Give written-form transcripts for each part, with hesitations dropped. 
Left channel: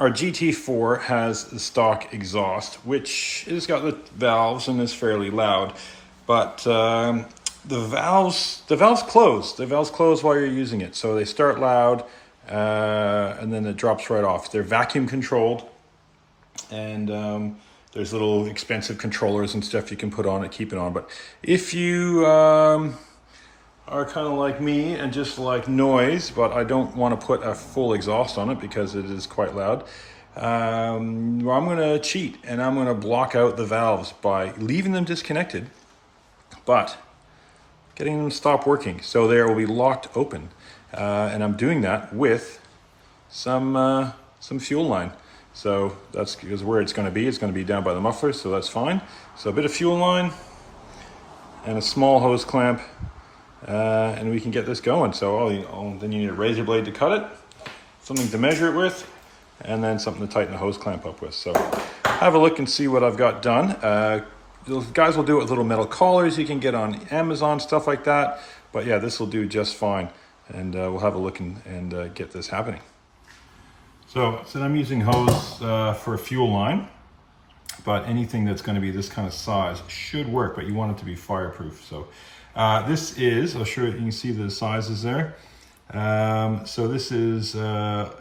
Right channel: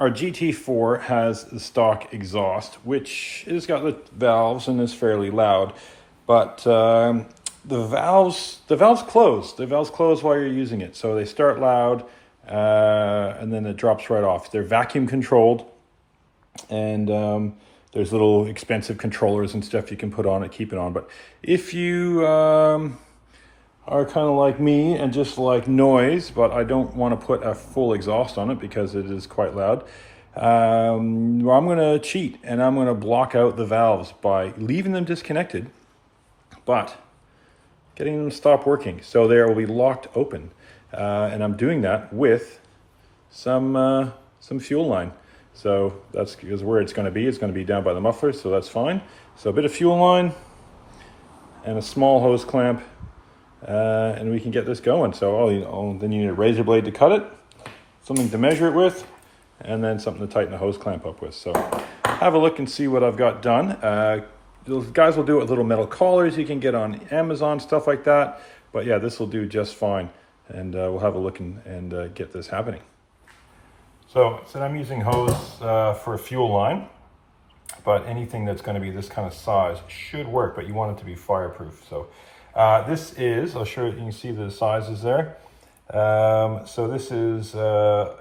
our GT4 has the stock exhaust, which has got the valves and is fairly loud, but the valves close. The valves close while you're using it, so they start loud and then it drops right off. They're vacuum controlled, and there's little expensive controllers and stuff you can put on it, keep it on. But if you are kind of like me and just like noise, but I don't want to put a full exhaust on it because it is quite loud, I'm going to cheat and I'm going to block out the valves by leaving them disconnected, but getting them to stop working. So they will be locked open. And I'm doing that with some fuel line. So that's where it's going to be. It's going to be down by the muffler, so that's fine. So a bit of fuel line and a small hose clamp, and we can get this going. So then you need a razor blade to cut it, something to measure it with, and then something to tighten the hose clamp up with. So have a look and see what I've got done. Those guys will do it with little metal collars you can get on Amazon, stuff like that. But yeah, this will do just fine. And we'll have a look and get this happening. So I'm using hose for a fuel line, but anything that's going to be this kind of size should work, but you want it to be fireproof. So this is, I'll show you, you can see the sizes there. So this is the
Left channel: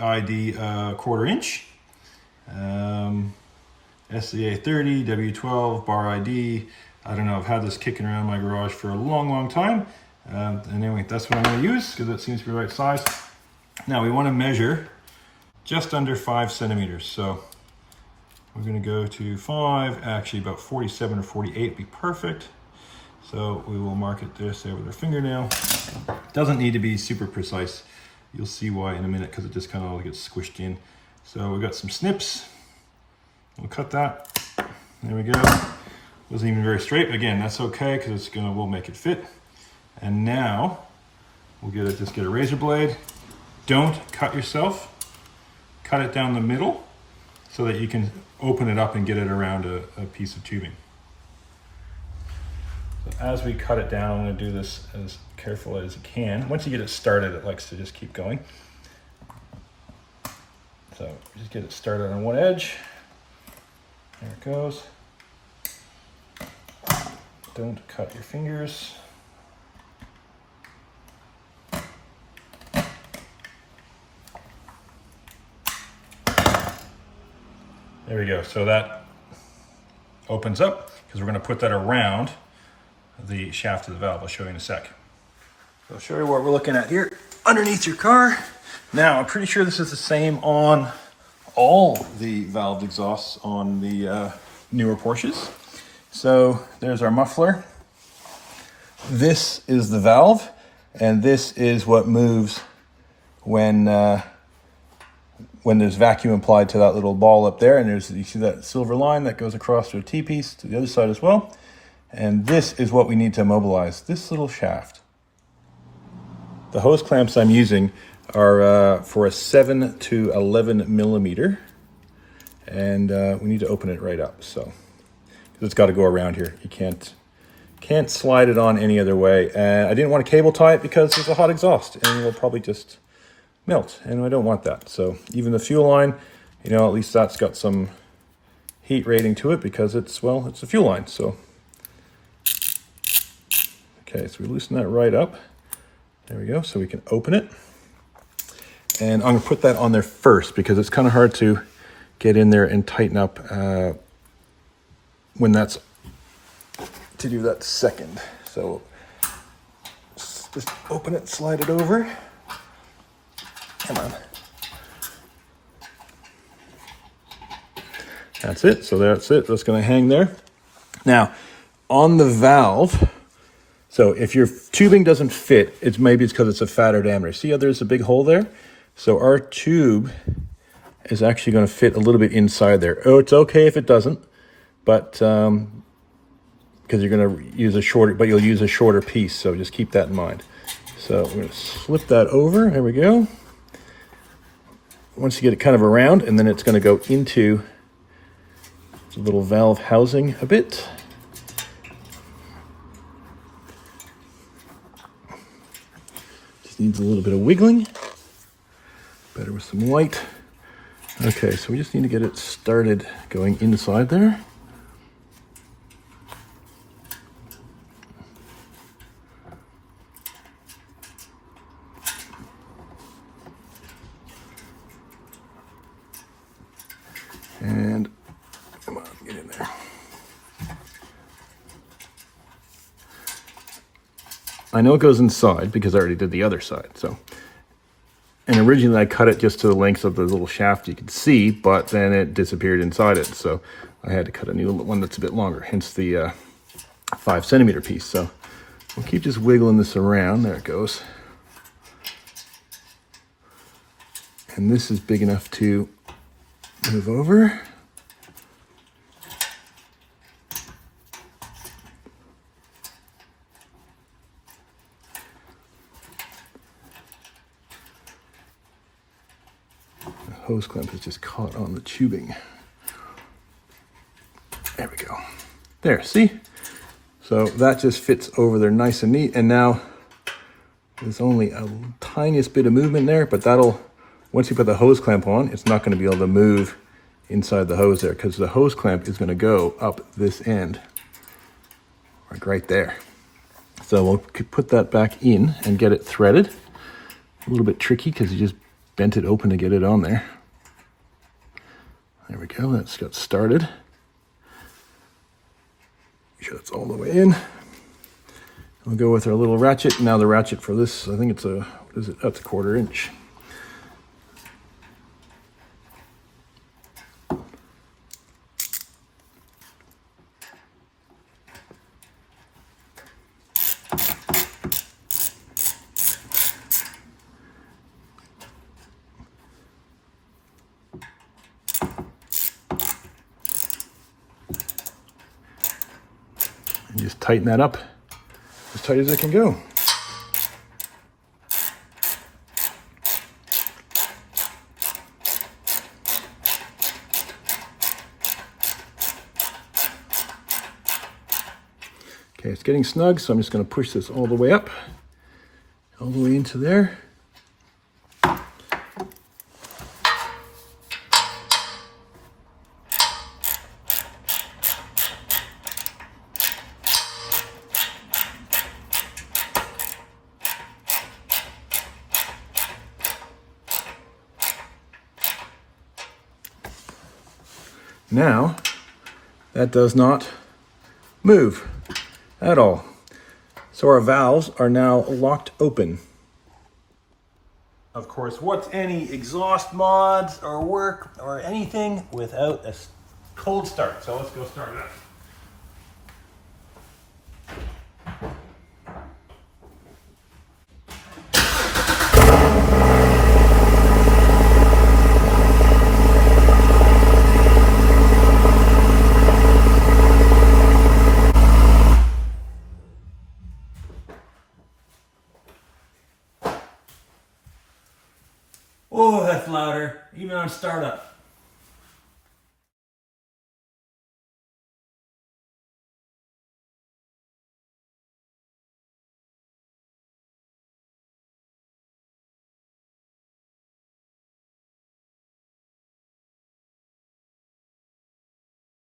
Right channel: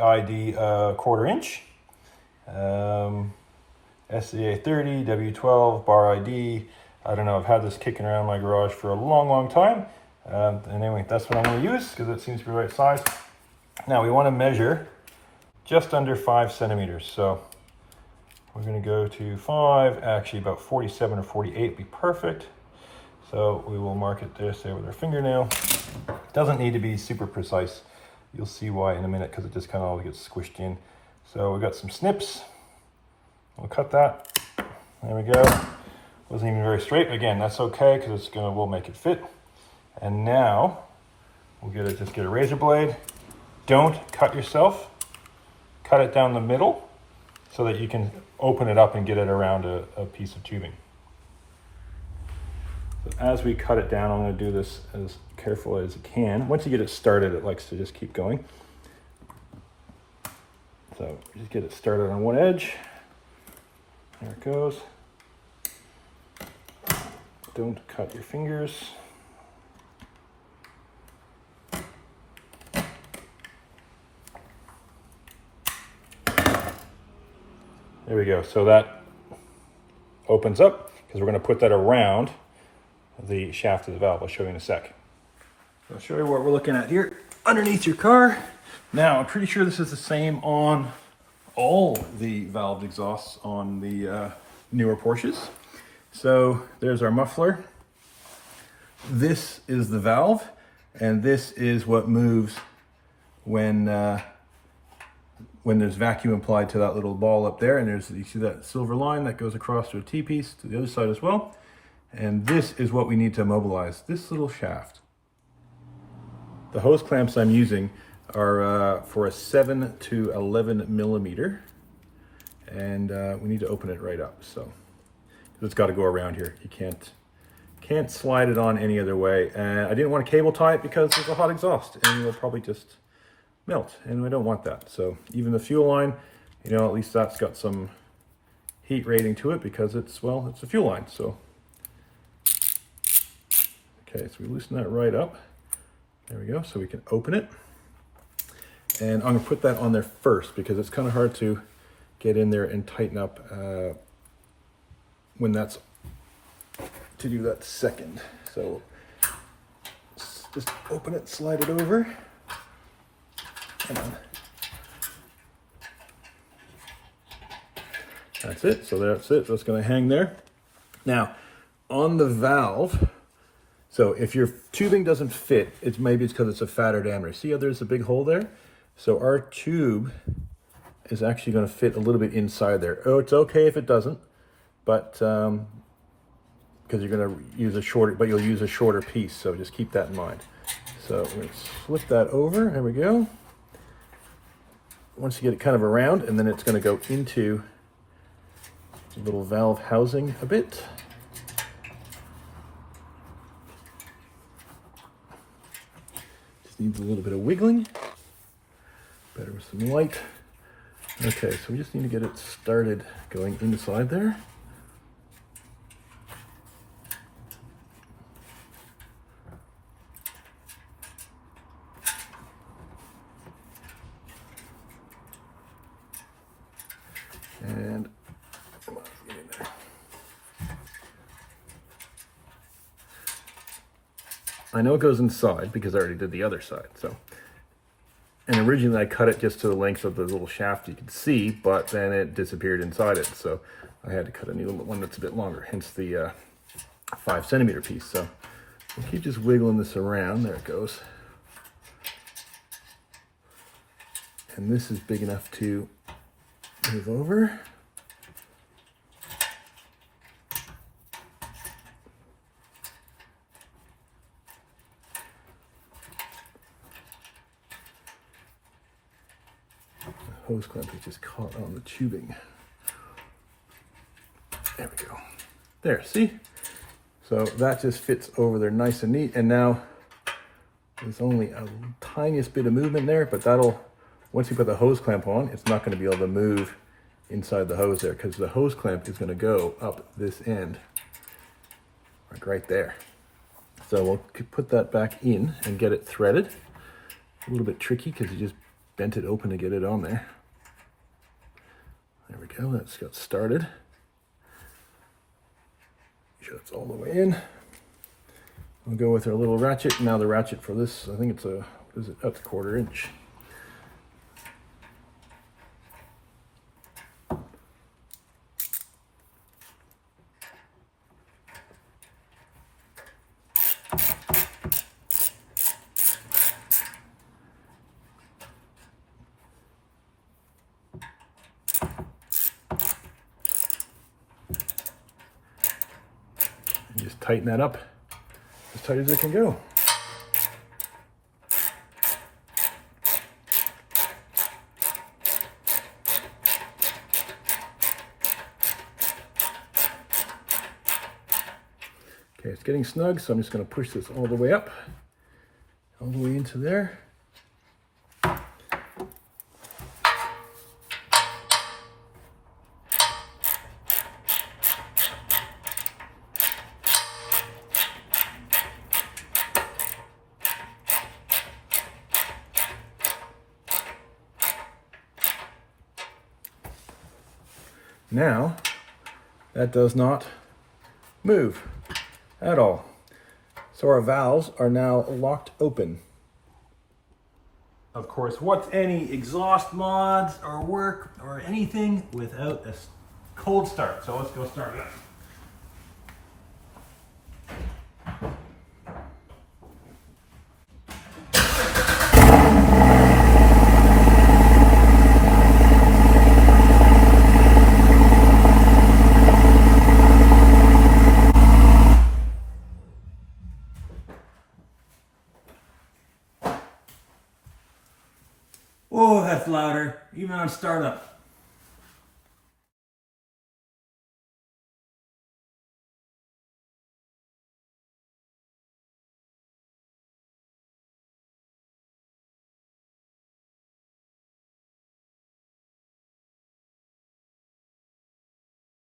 ID 1/4 inch, SCA 30, W12, bar ID. I don't know, I've had this kicking around my garage for a long time. And anyway, that's what I'm going to use because it seems to be the right size. Now we want to measure just under 5 centimeters. So we're going to go to 5, actually about 47 or 48 would be perfect. So we will mark it there with our fingernail. Doesn't need to be super precise. You'll see why in a minute because it just kind of all gets squished in. So we've got some snips. We'll cut that. There we go. Wasn't even very straight, but again, that's okay because we'll make it fit. And now we'll just get a razor blade. Don't cut yourself. Cut it down the middle so that you can open it up and get it around a piece of tubing. So as we cut it down, I'm going to do this as careful as you can. Once you get it started, it likes to just keep going. So just get it started on one edge. There it goes. Don't cut your fingers. There we go. So that opens up because we're going to put that around the shaft of the valve. I'll show you in a sec. So I'll show you what we're looking at here underneath your car. Now, I'm pretty sure this is the same on all the valved exhausts on the newer Porsches. So there's our muffler. This is the valve, and this is what moves when there's vacuum applied to that little ball up there, and you see that silver line that goes across to a T-piece to the other side as well. And this is what we need to immobilize, this little shaft. The hose clamps I'm using are for a 7 to 11 millimeter, and we need to open it right up. So it's got to go around here. You can't slide it on any other way. I didn't want to cable tie it because there's a hot exhaust, and it'll probably just melt, and I don't want that. So even the fuel line, at least that's got some heat rating to it because it's a fuel line. So okay, so we loosen that right up. There we go. So we can open it, and I'm gonna put that on there first because it's kind of hard to get in there and tighten up when that's to do that second. So just open it, slide it over. Come on. That's it. So that's it. That's going to hang there. Now, on the valve, so if your tubing doesn't fit, maybe it's because it's a fatter diameter. See how there's a big hole there? So our tube is actually going to fit a little bit inside there. Oh, it's okay if it doesn't, but because you're going to use you'll use a shorter piece. So just keep that in mind. So we're going to flip that over. There we go. Once you get it kind of around, and then it's going to go into the little valve housing a bit. Just needs a little bit of wiggling. Better with some white Okay, so we just need to get it started going inside there. And come on, get in there. I know it goes inside because I already did the other side. So, and originally I cut it just to the length of the little shaft you could see, but then it disappeared inside it. So I had to cut a new one that's a bit longer, hence the 5 centimeter piece. So we'll keep just wiggling this around. There it goes. And this is big enough to move over. Hose clamp is just caught on the tubing. There we go. There, see? So that just fits over there nice and neat. And now there's only a tiniest bit of movement there, but that'll, once you put the hose clamp on, it's not gonna be able to move inside the hose there because the hose clamp is gonna go up this end, like right there. So we'll put that back in and get it threaded. A little bit tricky because you just bent it open to get it on there. There we go, that's got started. Make sure it's all the way in. We'll go with our little ratchet. Now the ratchet for this, I think it's a, what is it? That's a 1/4 inch. And just tighten that up as tight as it can go. Okay, it's getting snug, so I'm just going to push this all the way up, all the way into there. Now, that does not move at all. So our valves are now locked open. Of course, what's any exhaust mods or work or anything without a cold start? So let's go start it up. Oh, that's louder, even on startup.